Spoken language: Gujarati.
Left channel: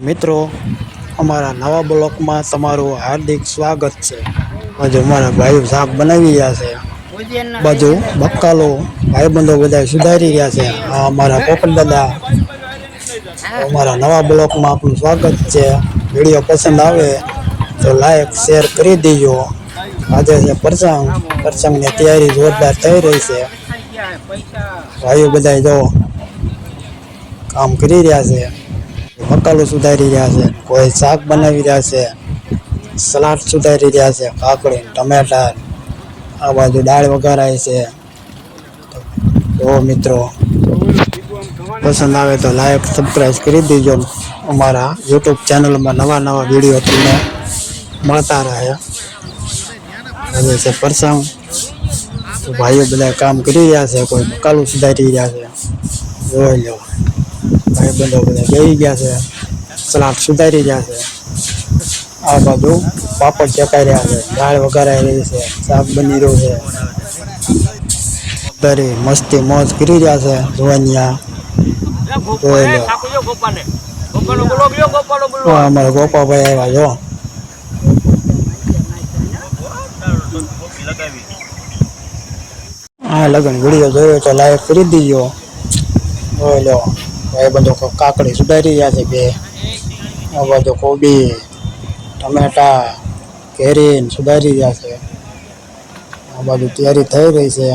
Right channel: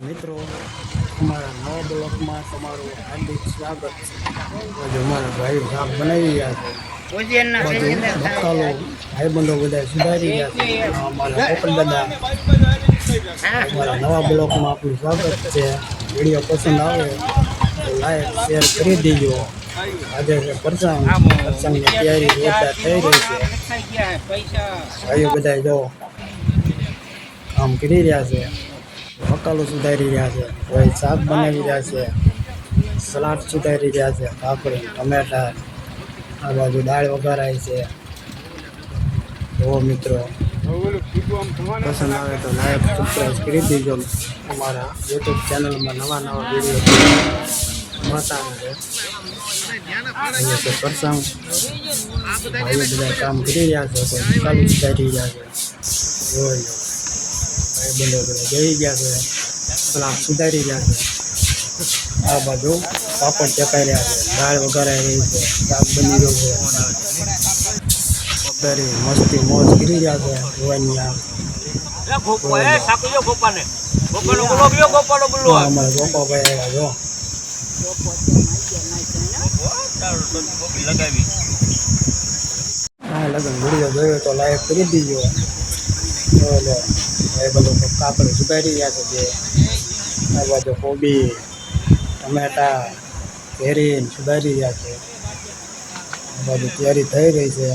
મિત્રો અમારા નવા બ્લોકમાં તમારું હાર્દિક સ્વાગત છે। આજે અમારા ભાઈ શાક બનાવી રહ્યા છે। બાજુ બક્કાલો ભાઈબંધો બધા સુધારી રહ્યા છે। આ અમારા પોપટ દાદા। અમારા નવા બ્લોકમાં આપનું સ્વાગત છે। વિડીયો પસંદ આવે તો લાઈક શેર કરી દેજો। આજે છે પ્રસંગની તૈયારી જોરદાર થઈ રહી છે। ભાઈઓ બધા જો કામ કરી રહ્યા છે। મકાલો સુધારી રહ્યા છે, કોઈ શાક બનાવી રહ્યા છે, સલાડ સુધારી રહ્યા છે, કાકડી ટમેટા, આ બાજુ દાળ વઘારાય છે। જો મિત્રો પસંદ આવે તો લાઈક સબસ્ક્રાઈબ કરી દેજો। અમારા યુટ્યુબ ચેનલમાં નવા વિડીયો તમને મળતા રહે। હવે છે પ્રસંગ, ભાઈઓ બધા કામ કરી રહ્યા છે, કોઈ મકાલું સુધારી રહ્યા છે। જોઈ લો ભાઈબંધો બધા બેસી ગયા છે, સલાડ સુધારી રહ્યા છે। આ બાજુ પાપડ ચકાઈ રહ્યા છે, દાળ વઘારાઈ રહી છે, શાક બની રહ્યું છે। દરી મસ્તી મોજ કરી રહ્યા છે। જોવાનિયા અમારા ગોપાભાઈ આવ્યા જો। હા લગન વિડીયો જોયો તો લાઈક કરી દીજો। બોલો ભાઈ બધો કાકડી સુધારી રહ્યા છે બે। આ બાજુ કોબી ટમેટા કેરીન સુધારી રહ્યા છે। આ બાજુ તૈયારી થઈ રહી છે।